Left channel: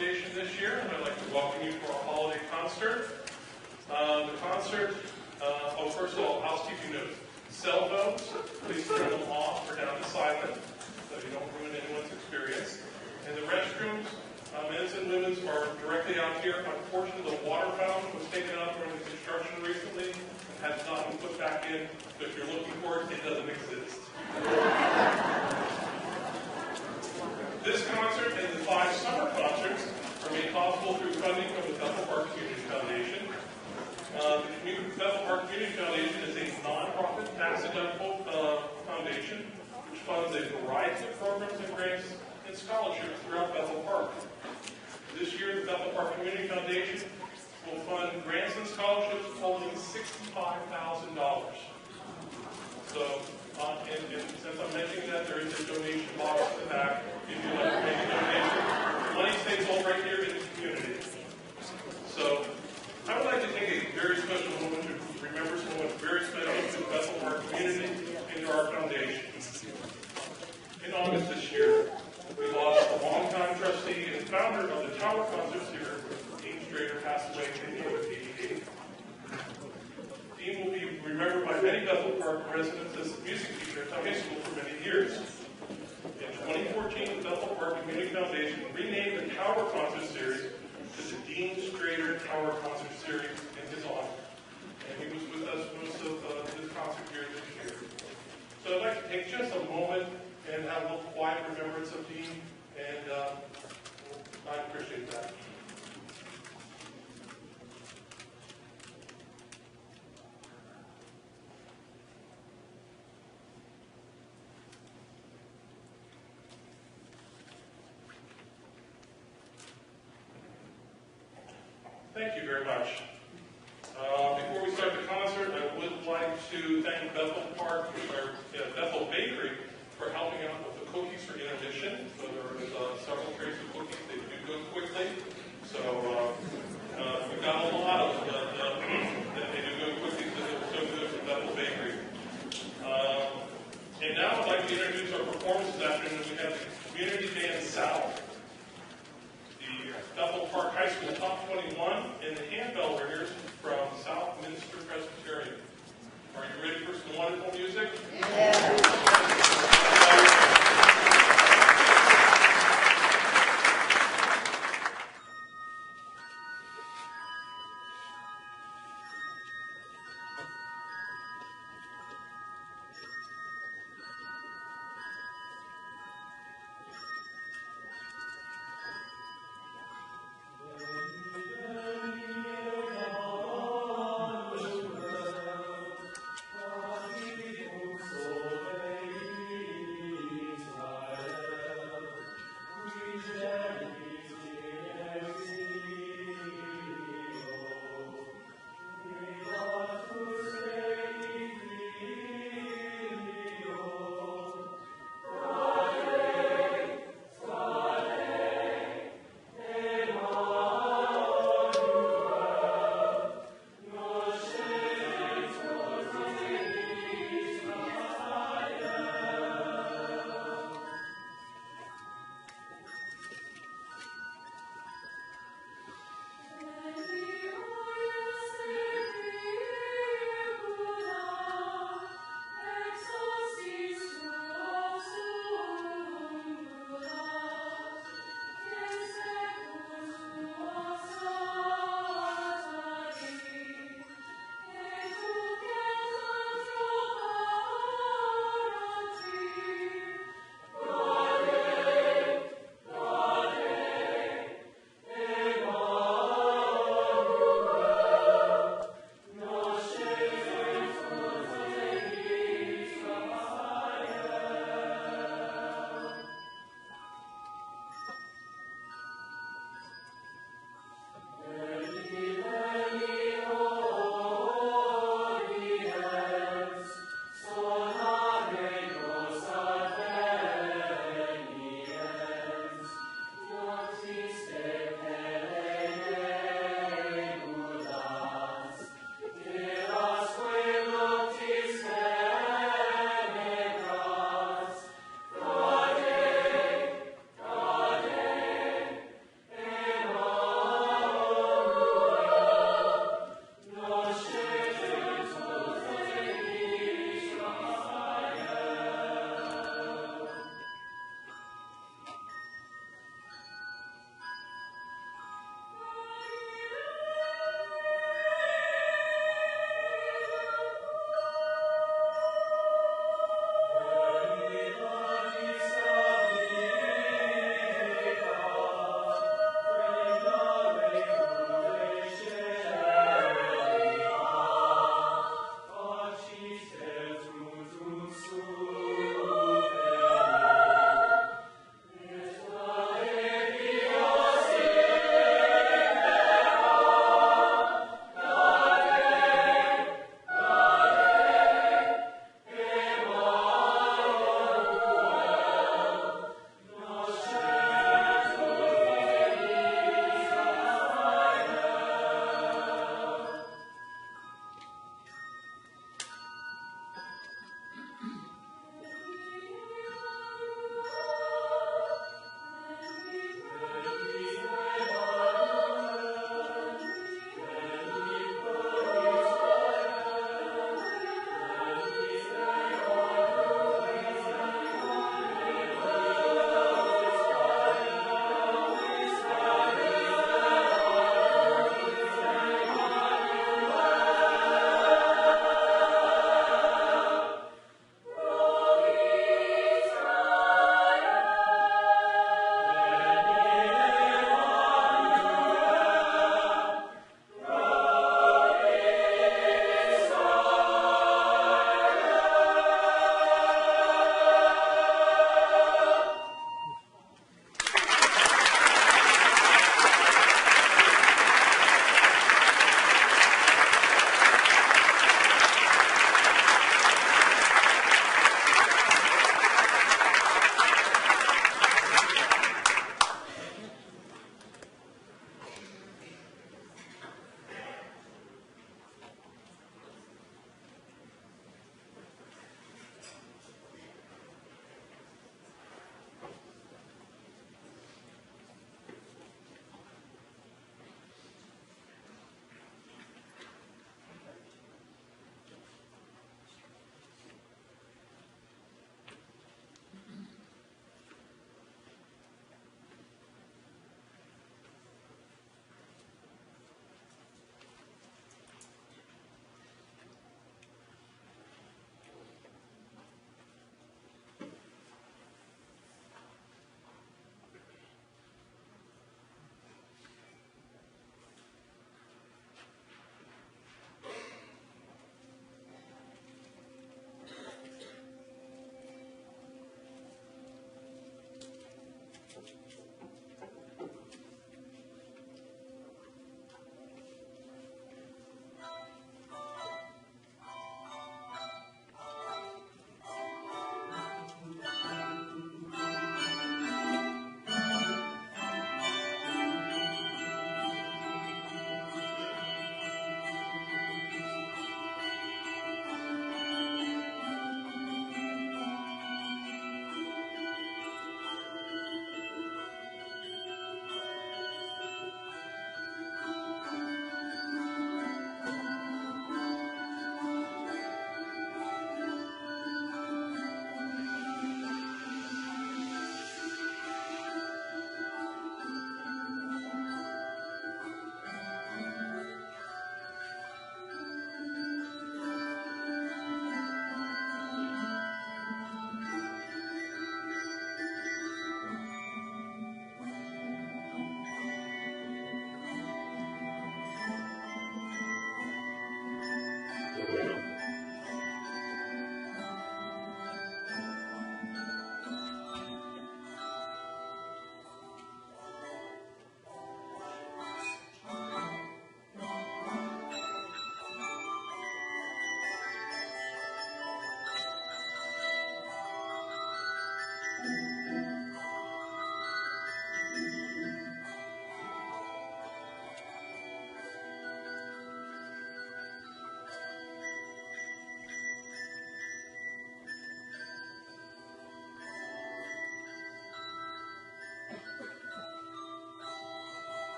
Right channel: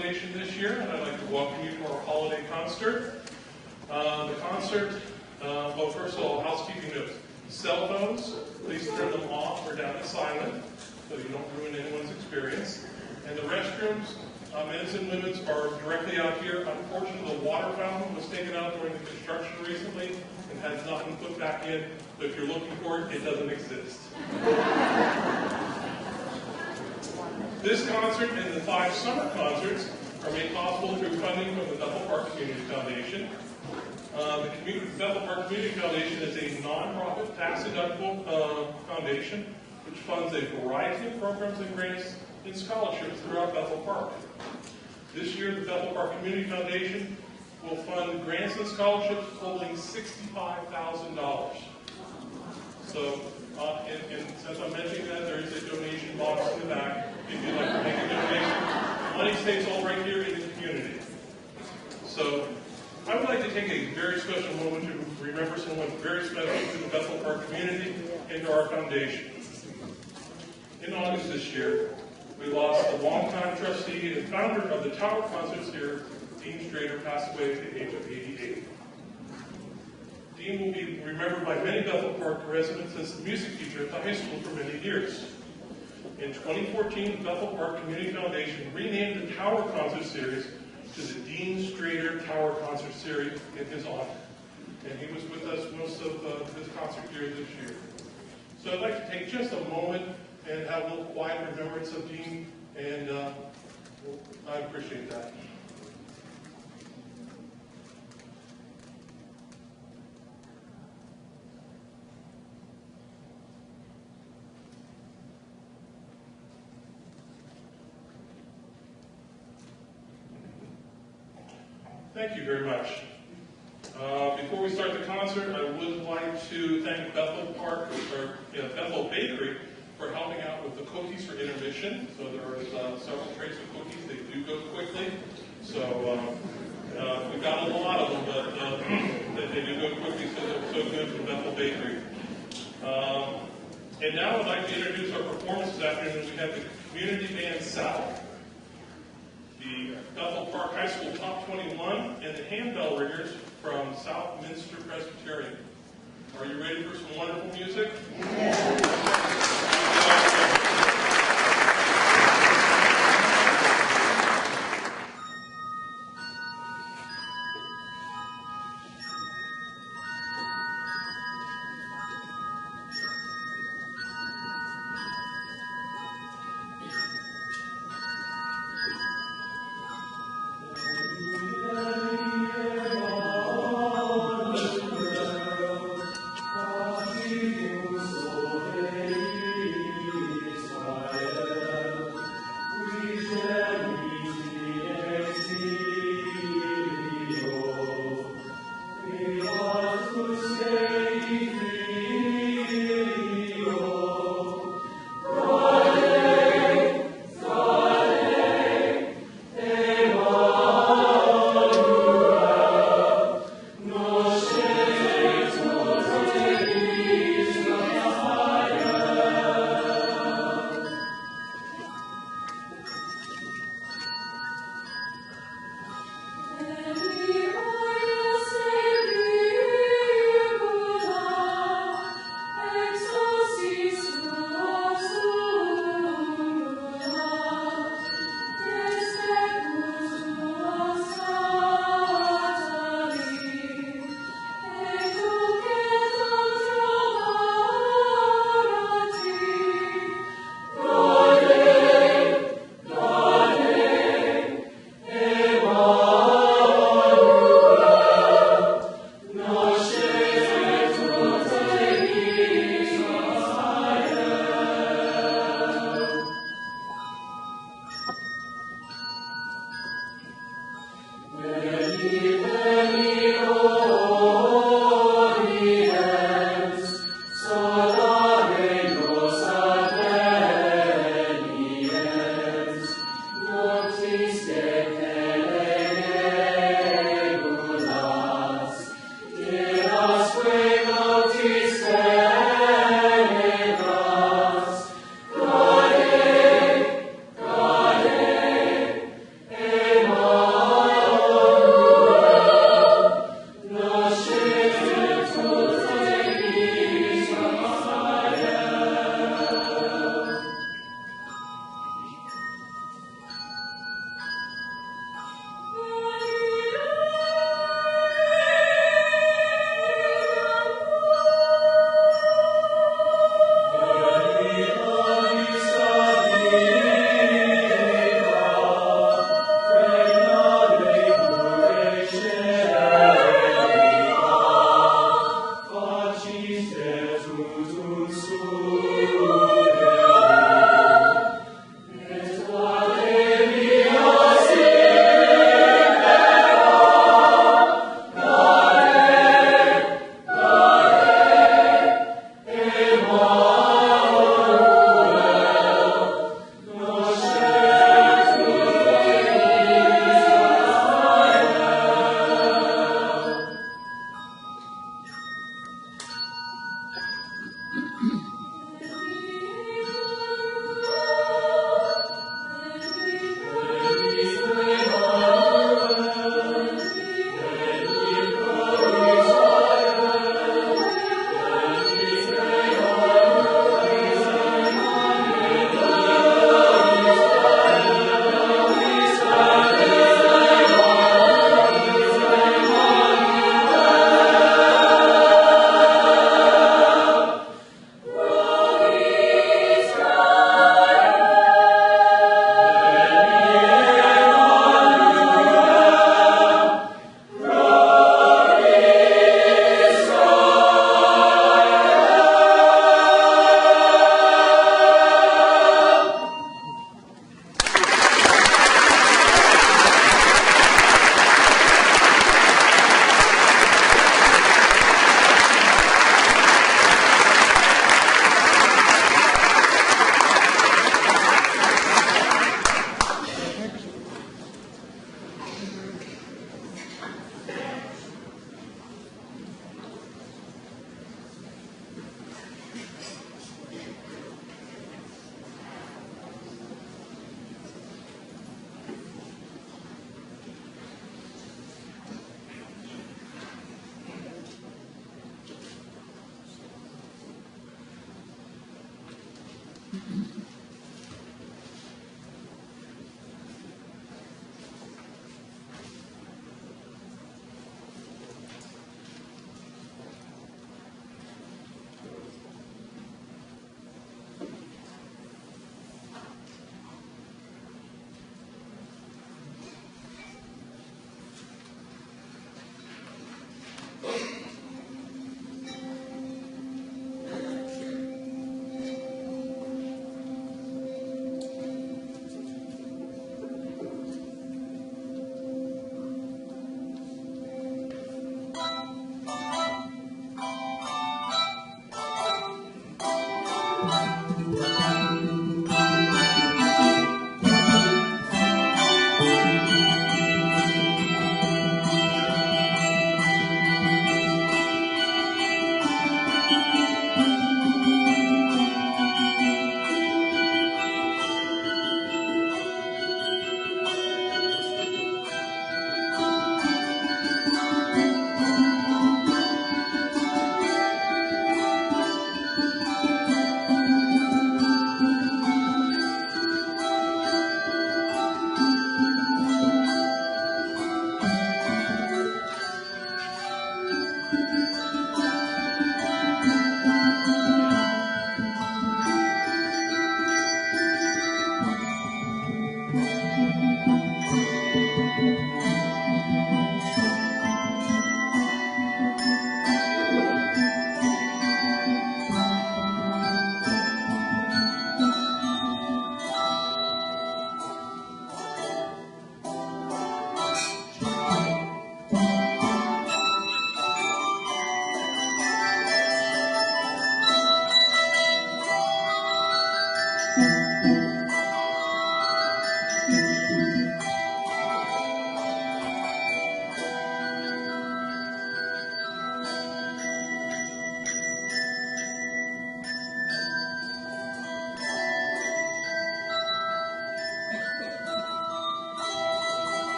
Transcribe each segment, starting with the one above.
Foundation this year, and I'd like to welcome you to our holiday concert. The concert, first of all, housekeeping notes. Cell phones, please turn them off or down to silent so you don't ruin anyone's experience. And the restrooms, men's and women's, are directly out here. Unfortunately, the water fountain was taken out during the construction recently and has not been put back in. So if you're looking for it, it doesn't exist. This concert and the 5 summer concerts are made possible through funding from the Bethel Park Community Foundation. The Bethel Park Community Foundation is a non-profit, tax-deductible foundation which funds a variety of programs and grants and scholarships throughout Bethel Park. This year, the Bethel Park Community Foundation will fund grants and scholarships totaling $65,000. So, since I'm mentioning that, there is a donation box in the back if you'd like to make a donation. The money stays all right here in the community. So, I would like to take a very special moment to remember someone very special to the Bethel Park community and to our foundation. In August this year, we lost a longtime trustee and founder of the Tower Concerts here. Dean Strader passed away at the age of 88. Dean will be remembered by many Bethel Park residents as a music teacher at the high school for many years. In 2014, the Bethel Park Community Foundation renamed the Tower Concert Series to the Dean Strader Tower Concert Series in his honor. And he was with us most of this concert here this year. So I'd like to take just a moment and have a little quiet remembrance of Dean, and I appreciate that. Thank you very much. Before we start the concert, I would like to thank Bethel Park, or Bethel Bakery, for helping out with the cookies for intermission. So there was several trays of cookies. They do go quickly. So we've got a lot of them, but they do go quickly, so they're so good from Bethel Bakery. And now I'd like to introduce our performance this afternoon. We have the Community Band South, the Bethel Park High School Top 21, and the Handbell Ringers from South Minster Presbyterian. Are you ready for some wonderful music? Yeah.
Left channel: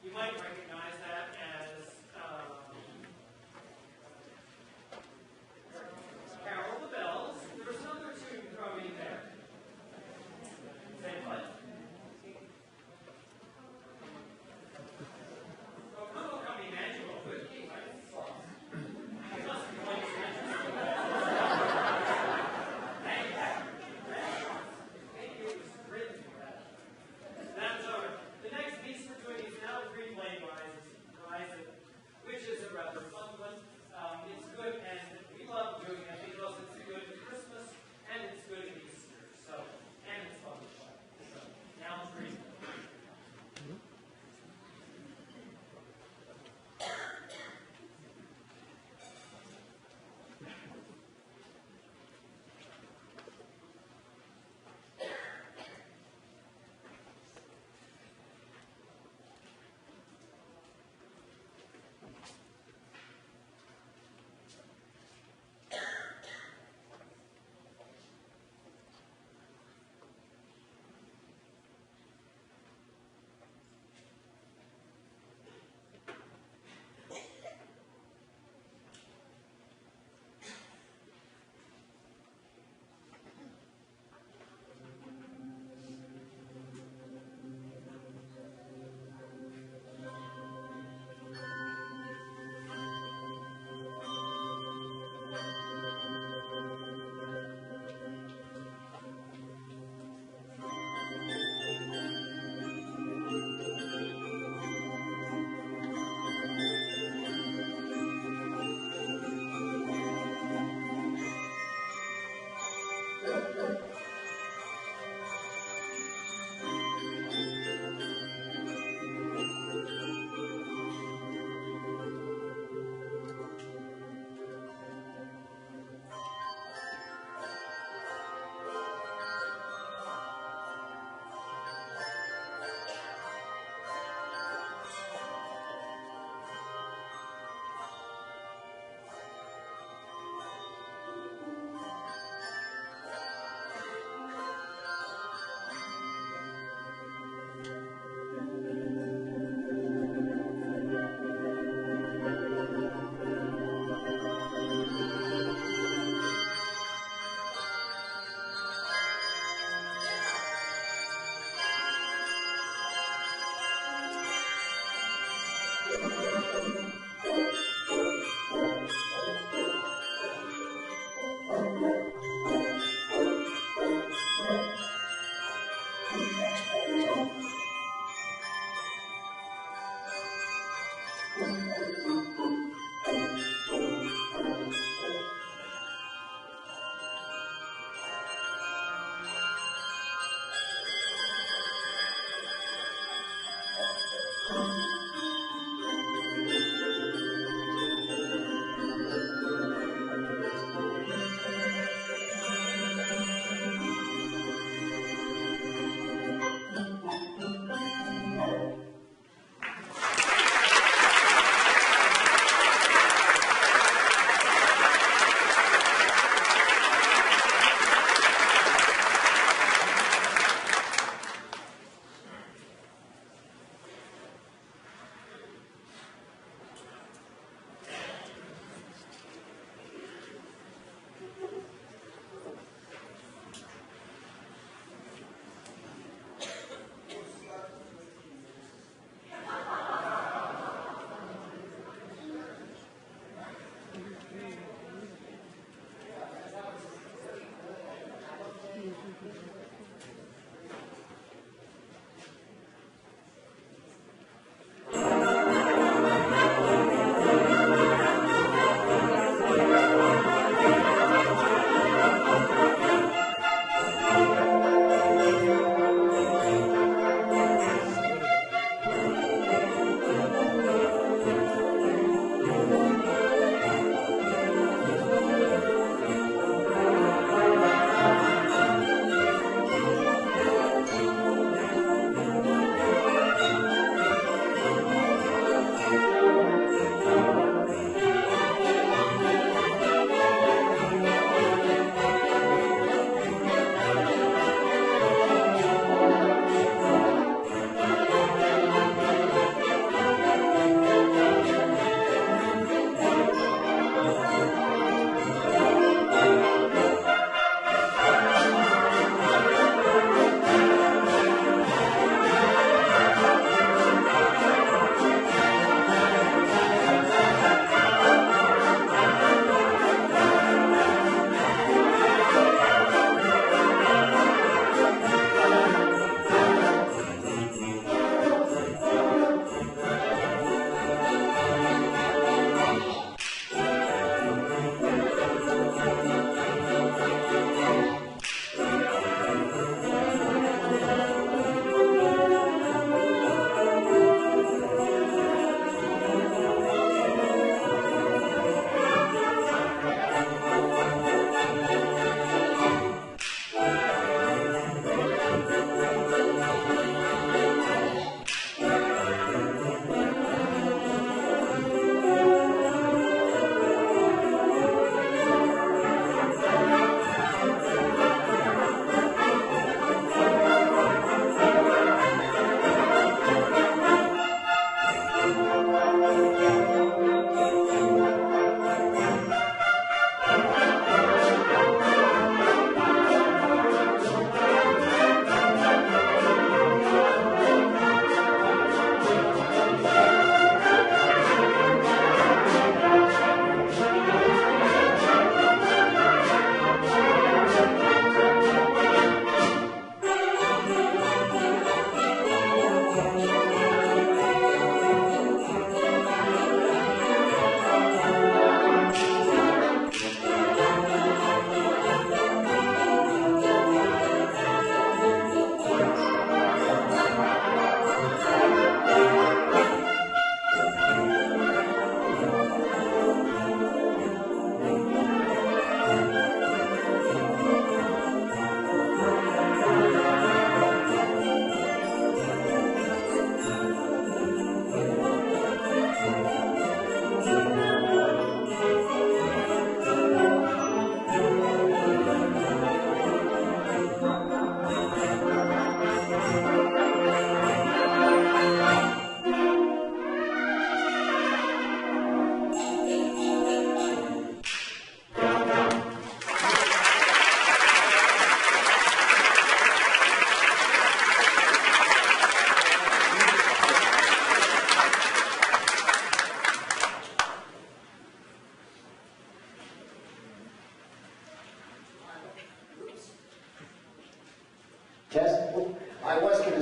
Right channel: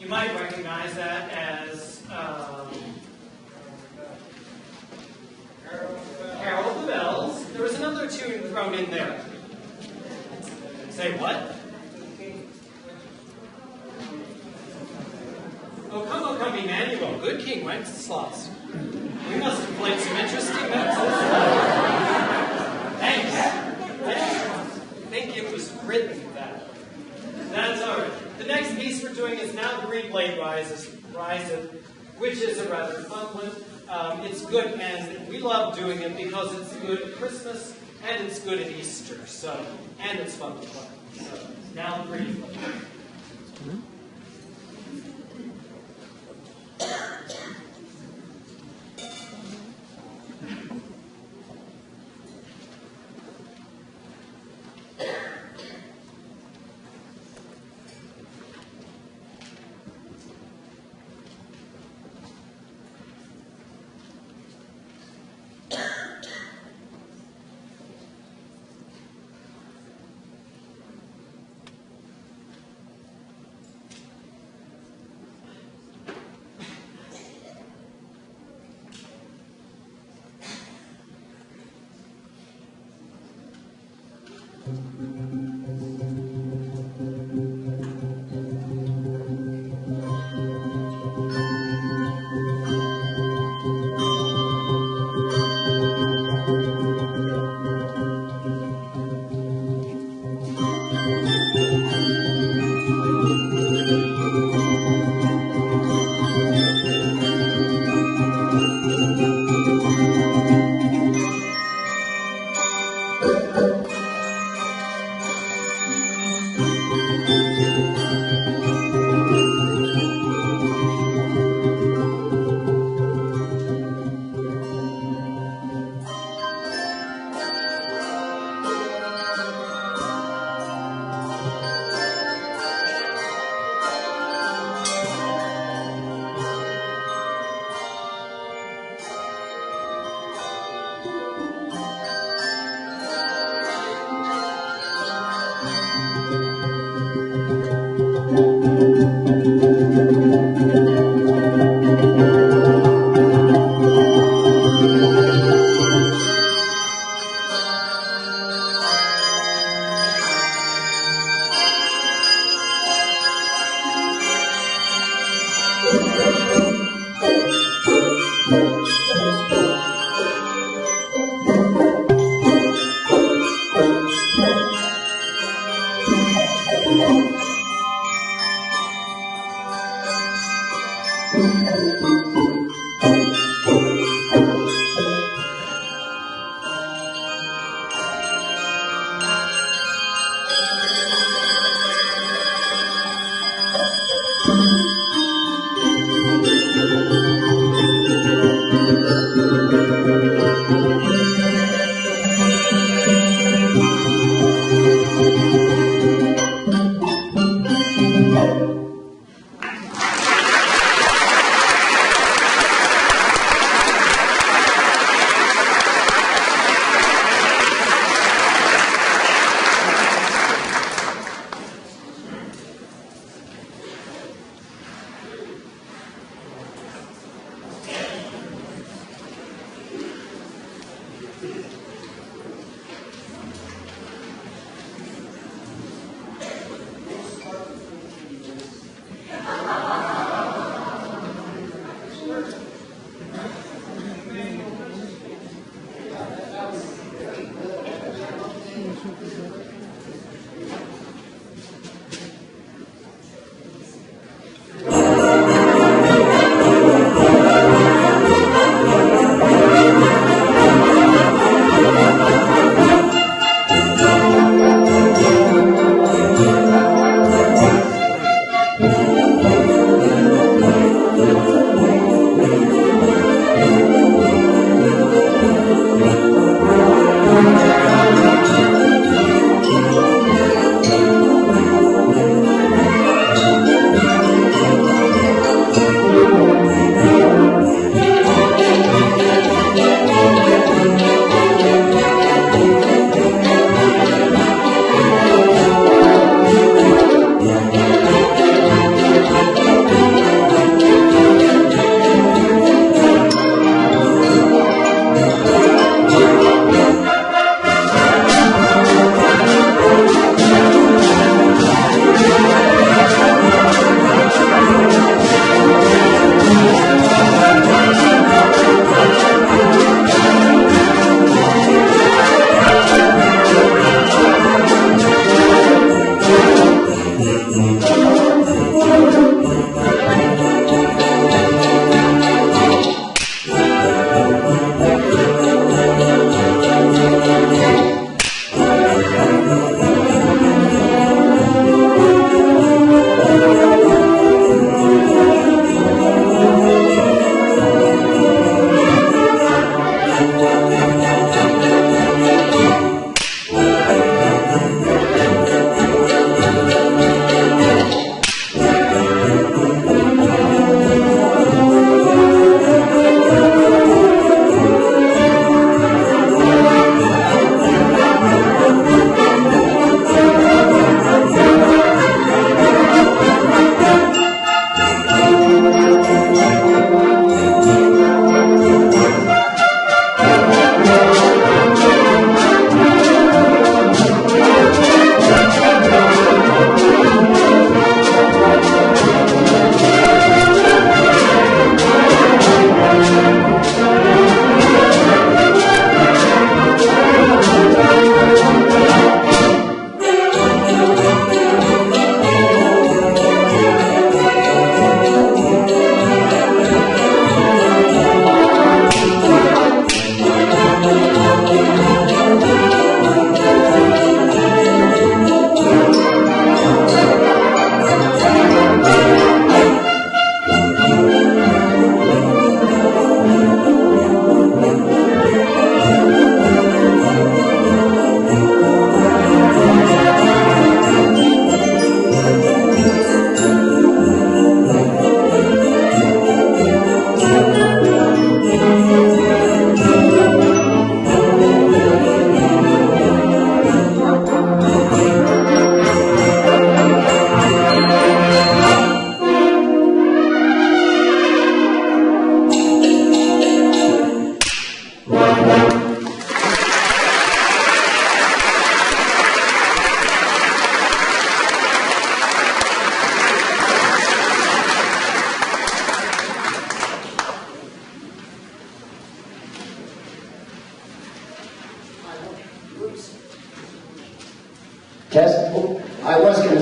You might recognize that as Carol of the Bells. There was another tune thrown in there. Say what? O come, Emmanuel, good King Wenceslas. We must have played some interesting notes. Thanks. I think it was written that. That's all right. The next piece we're doing is Now the Green Blade Riseth, which is a rather fun one. It's good, and we love doing it because it's good at Christmas and it's good at Easter. And it's fun to play. So, Now the Green Blade.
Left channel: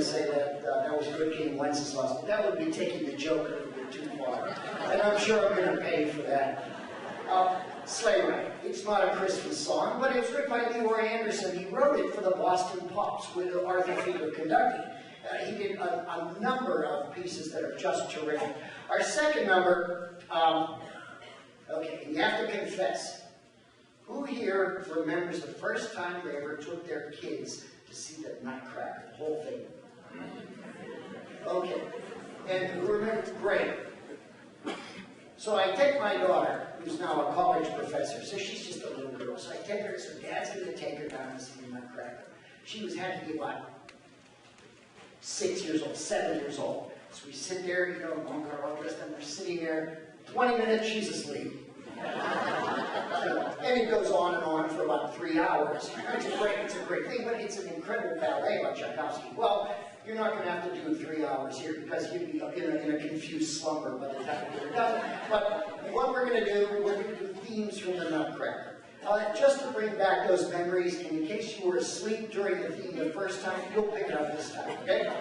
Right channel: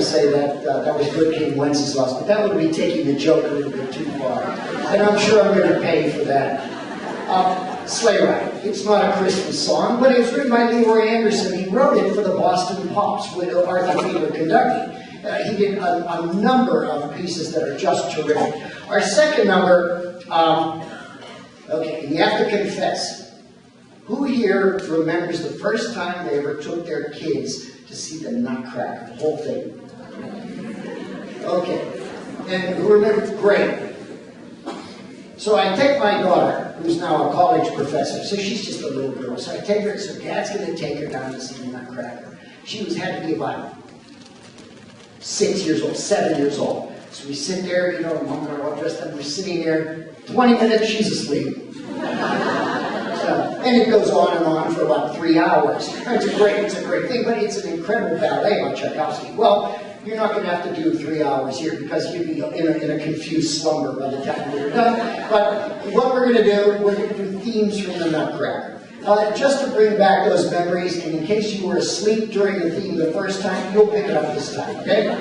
say that that was good King Wenceslas, but that would be taking the joke a little bit too far. And I'm sure I'm going to pay for that. Sleigh Ride. It's not a Christmas song, but it was written by Leroy Anderson. He wrote it for the Boston Pops with Arthur Fiedler conducting. He did a number of pieces that are just terrific. Our second number, okay, you have to confess. Who here remembers the first time they ever took their kids to see the Nutcracker, the whole thing? Okay. And who remembers? Great. So I take my daughter, who's now a college professor, so she's just a little girl. So I take her, so Dad's going to take her down to see the Nutcracker. She had to be about 6 years old, 7 years old. So we sit there, you know, Mom and I are all dressed up, we're sitting there, 20 minutes, she's asleep. And it goes on for about 3 hours. It's a great thing, but it's an incredible ballet by Tchaikovsky. Well, you're not going to have to do 3 hours here because you'd be in a confused slumber by the time we're done. But what we're going to do, we're going to do themes from the Nutcracker. Just to bring back those memories, and in case you were asleep during the theme the first time, you'll pick it up this time, okay?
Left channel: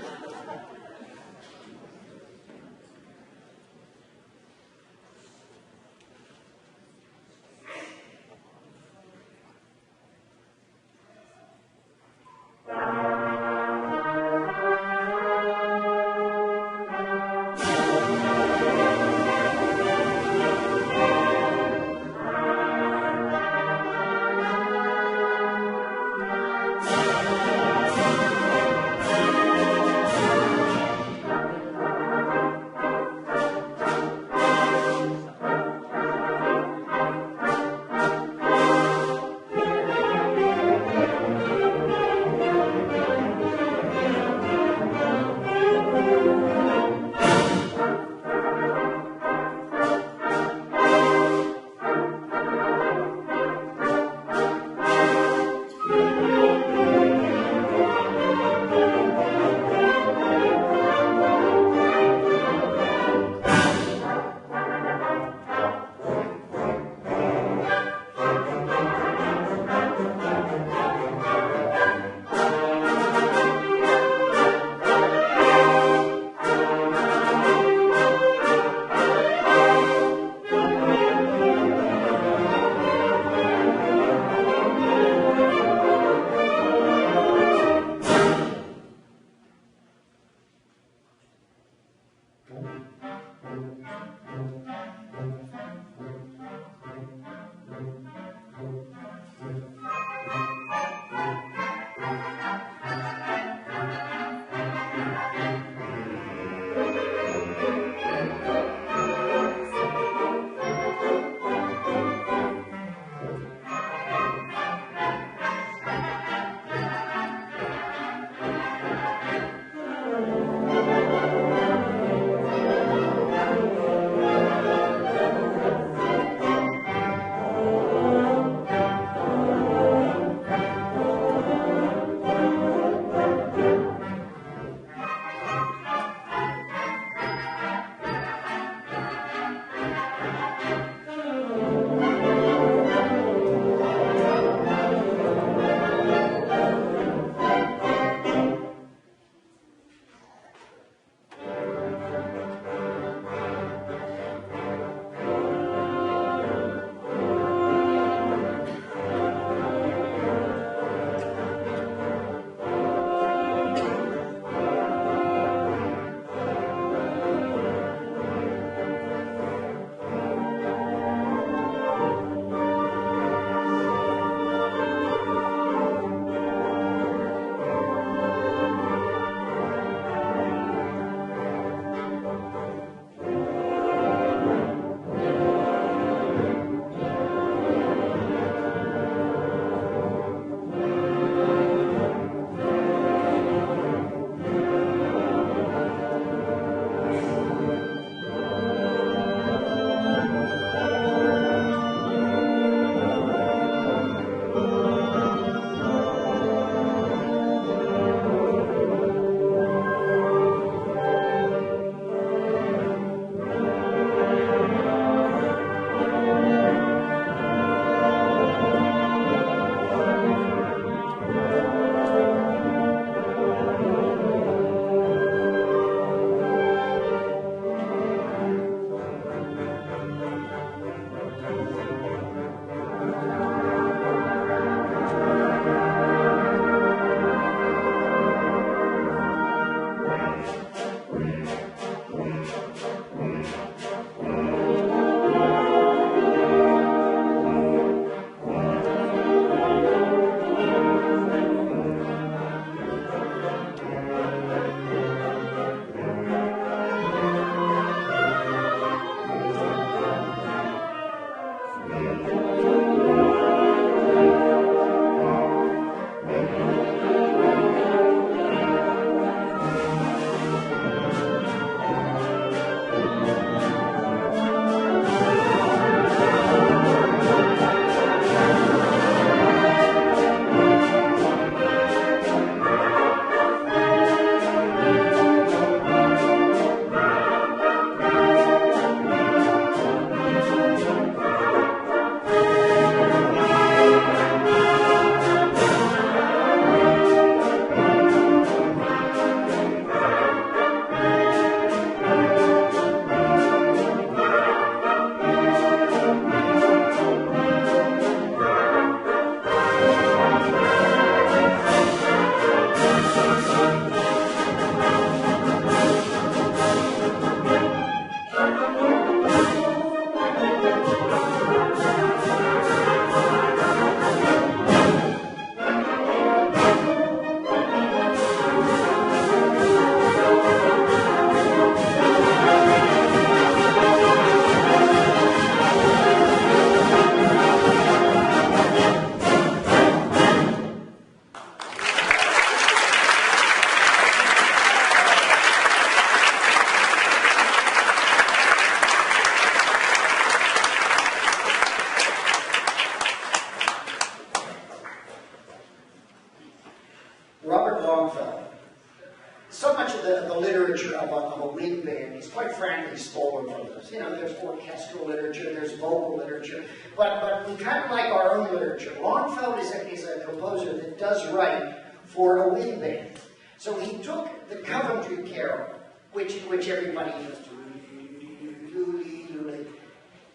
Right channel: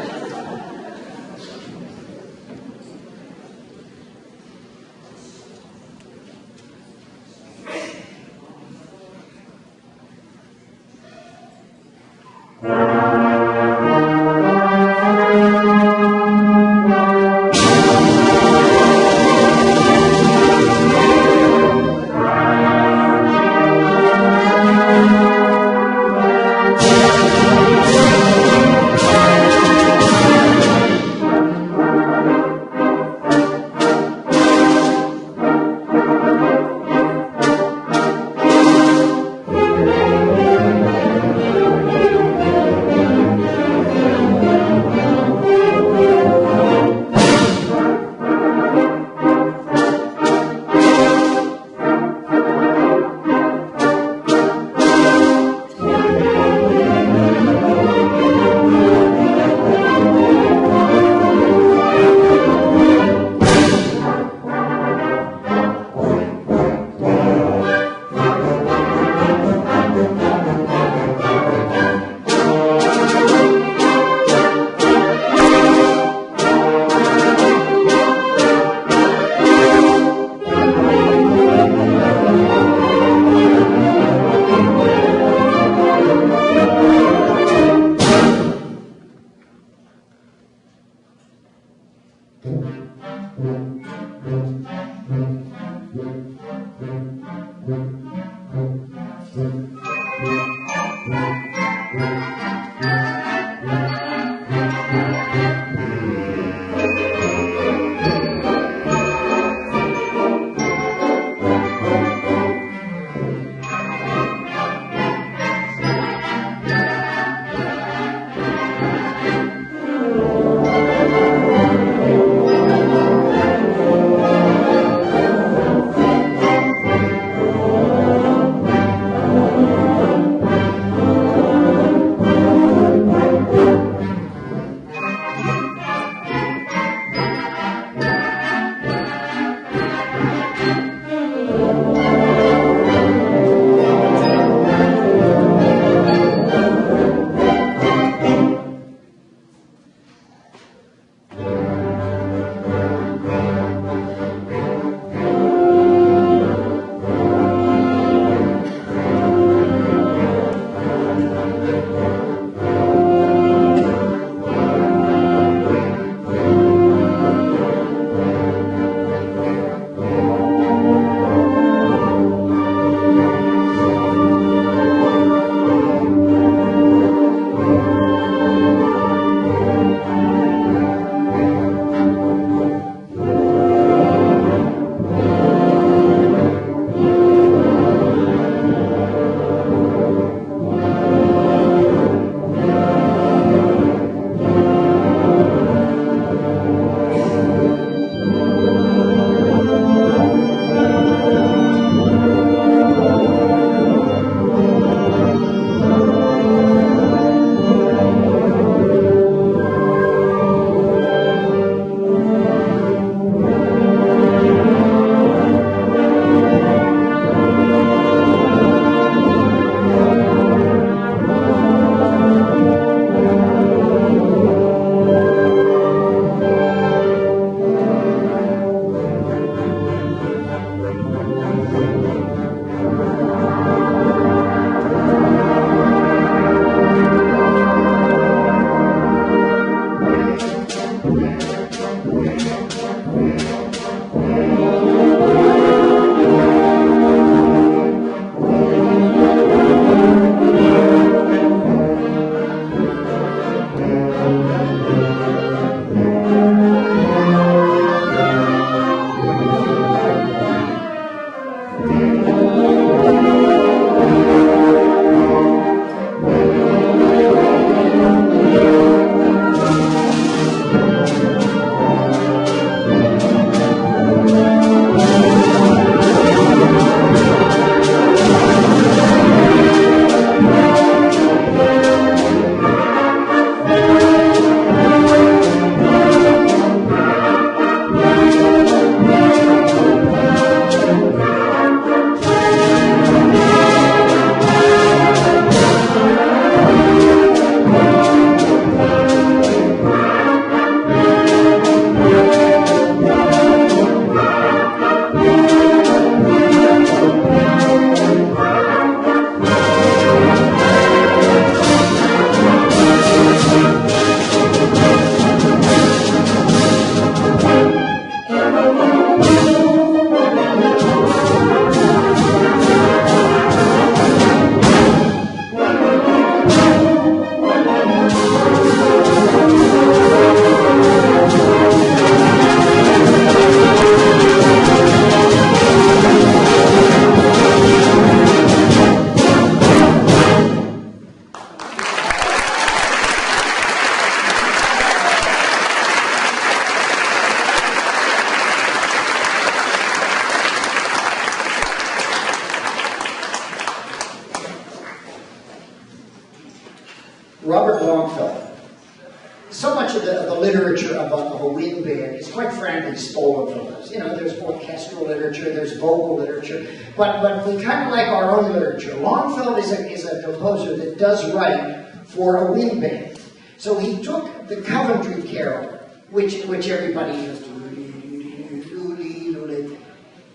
is quite frankly stolen from us. You know, there's orchestral literature, there's vocal literature, but we kind of like our own literature. Longfellow is a composer that does write for a wind band. So he took the Coventry Carol, which everybody knows,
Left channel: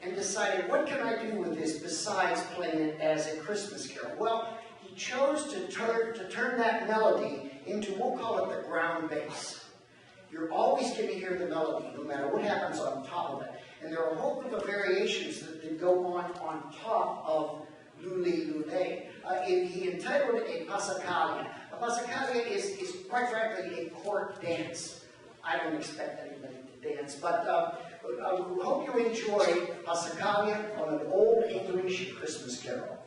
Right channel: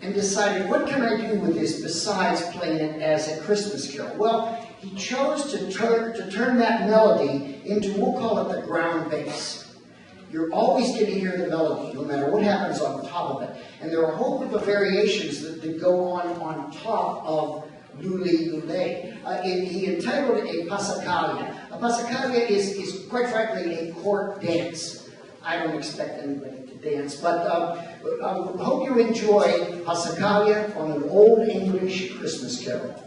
and decided, what can I do with this besides playing it as a Christmas carol? Well, he chose to turn that melody into, we'll call it the ground bass. You're always going to hear the melody, no matter what happens on top of it. And there are a whole group of variations that go on top of Lully Lullay. He entitled it a Passacaglia. A Passacaglia is quite frankly a court dance. I don't expect anybody to dance, but I hope you enjoy Passacaglia on an old English Christmas carol.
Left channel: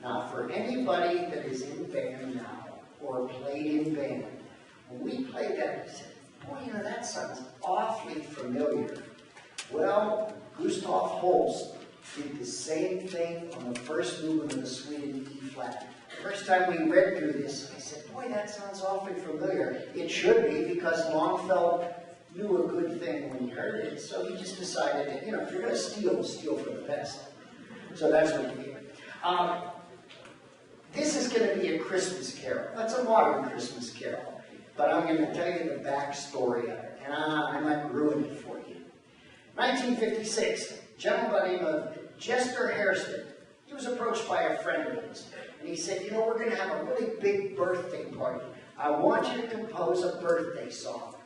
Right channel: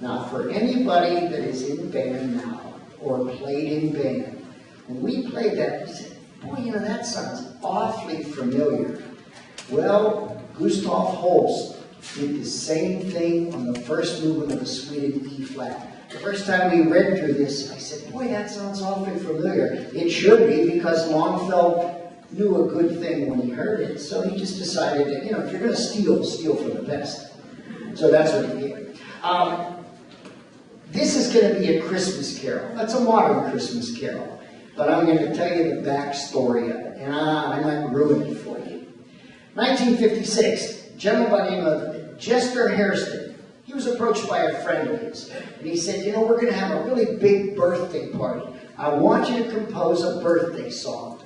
Now, for anybody that is in band now, or played in band, when we played that, we said, boy, you know, that sounds awfully familiar. Well, Gustav Holst did the same thing on the first movement of the Suite in E flat. The first time we read through this, I said, boy, that sounds awfully familiar. It should be, because Longfellow knew a good thing when he heard it, so he just decided that, you know, if you're going to steal, steal for the best. So that's what he did. This is going to be a Christmas carol. It's a modern Christmas carol, but I'm going to tell you the backstory of it, and I might ruin it for you. 1956, a gentleman by the name of Chester Hairston. He was approached by a friend of his, and he said, you know, we're going to have a really big birthday party. I want you to compose a birthday song.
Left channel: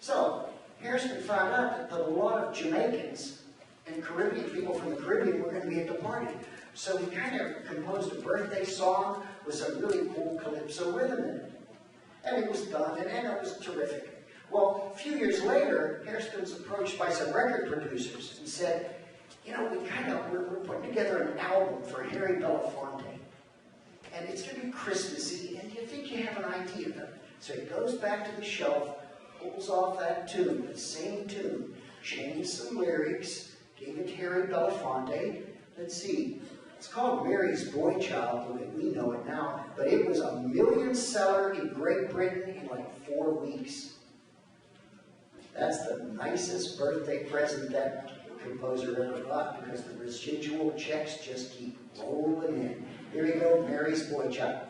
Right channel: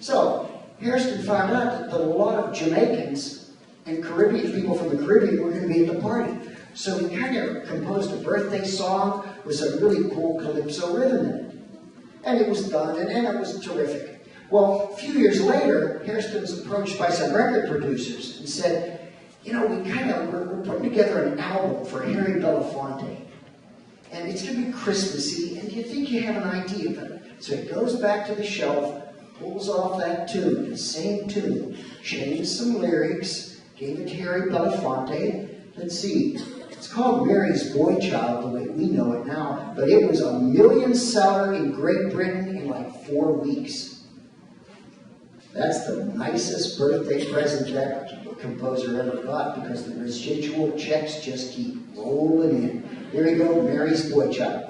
So, Hairston found out that a lot of Jamaicans and Caribbean people from the Caribbean were going to be at the party. So he kind of composed a birthday song with some really cool calypso rhythm in it. And it was done, and it was terrific. Well, a few years later, Hairston was approached by some record producers and said, you know, we're putting together an album for Harry Belafonte. And it's going to be Christmassy, and do you think you have an idea of it? So he goes back to the shelf, pulls off that tune, the same tune, changed some lyrics, gave it to Harry Belafonte. Let's see, it's called Mary's Boy Child the way we know it now, but it was a million seller in Great Britain in like 4 weeks. That's the nicest birthday present that composer ever got, because the residual checks just keep rolling in. Here we go, Mary's Boy Child.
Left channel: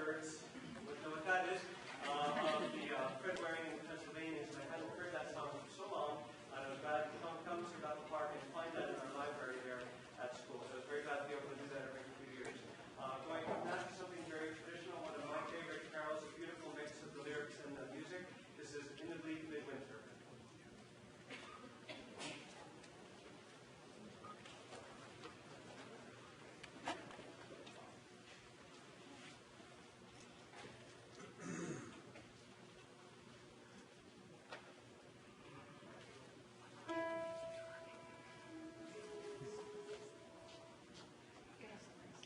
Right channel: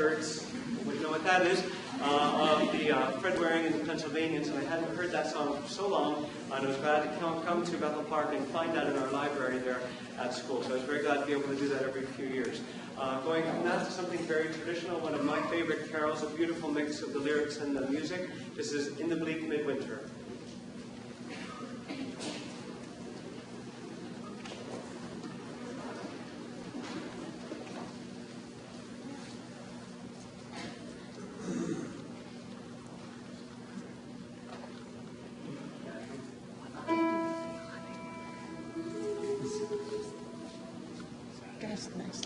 shirts, you wouldn't know what that is, of the Fred Waring and the Pennsylvanians, and I hadn't heard that song for so long, and I was glad to come to Bethel Park and find that in our library there at school. So I was very glad to be able to do that every few years. Going from that to something very traditional, one of my favorite carols, a beautiful mix of the lyrics and the music. This is In the Bleak Midwinter. Nice.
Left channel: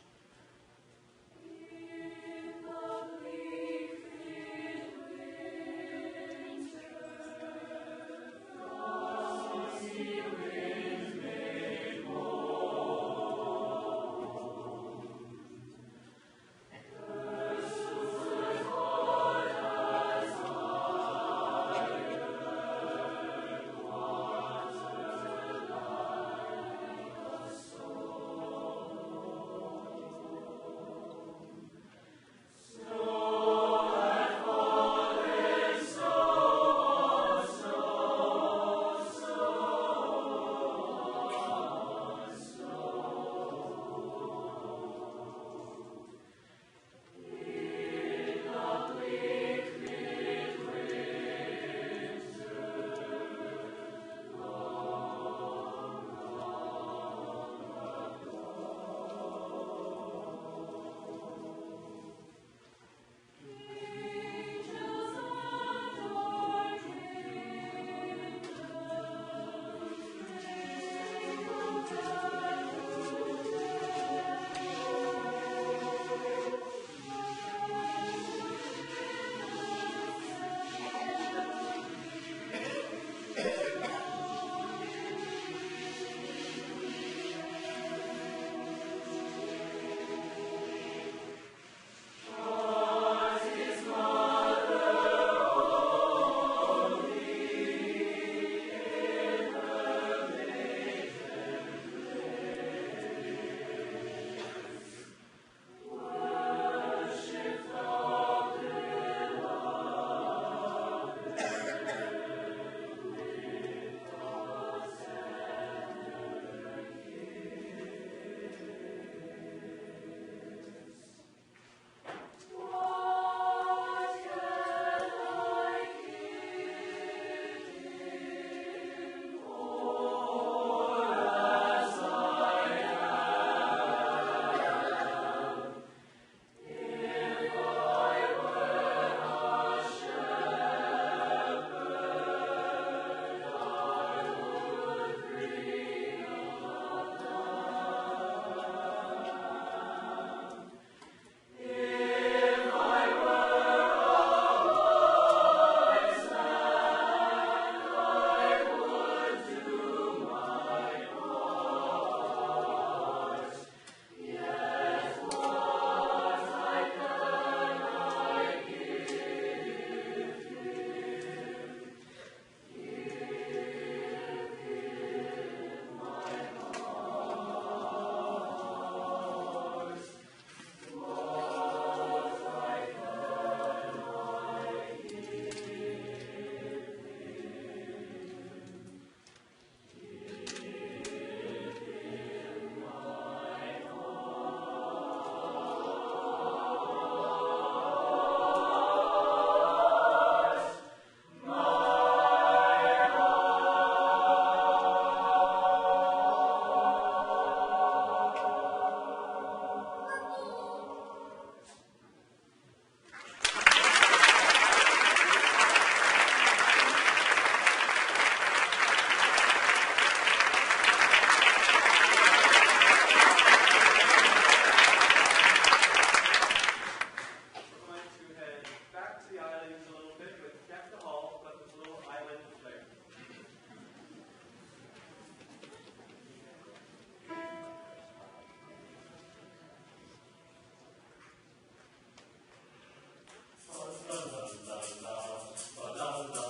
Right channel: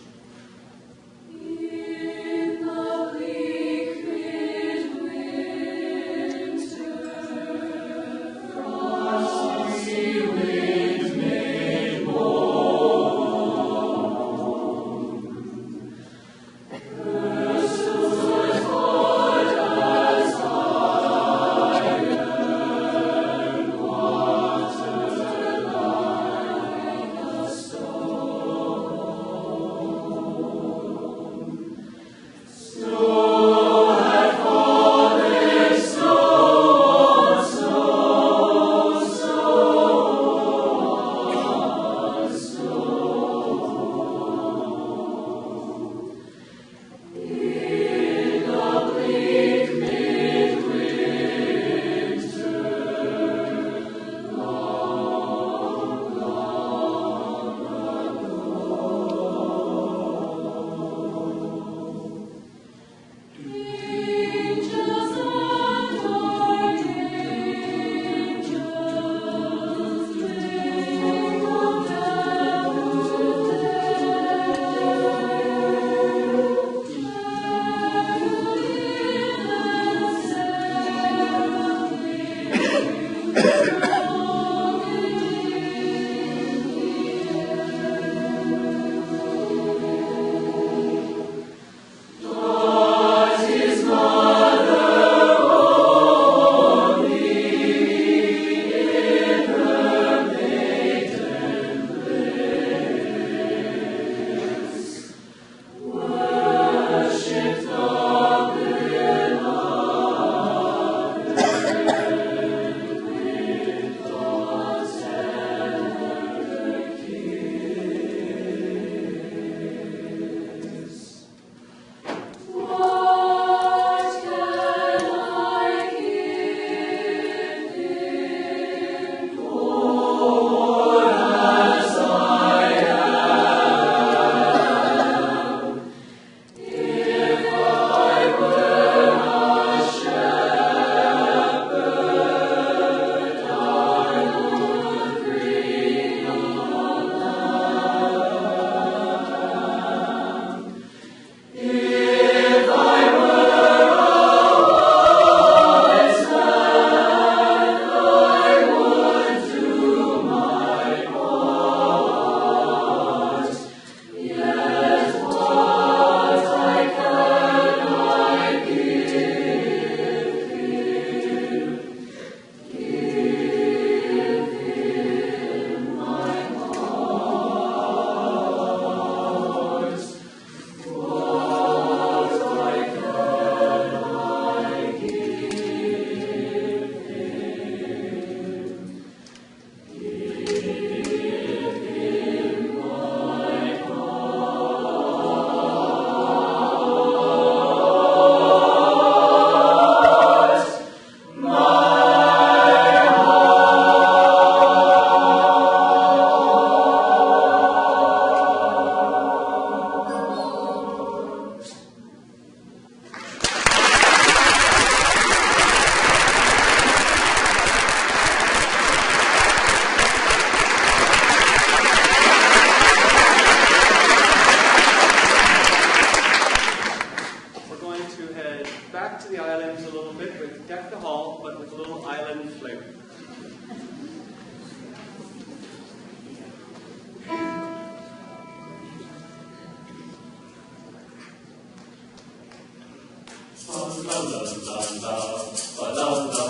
la la la la la la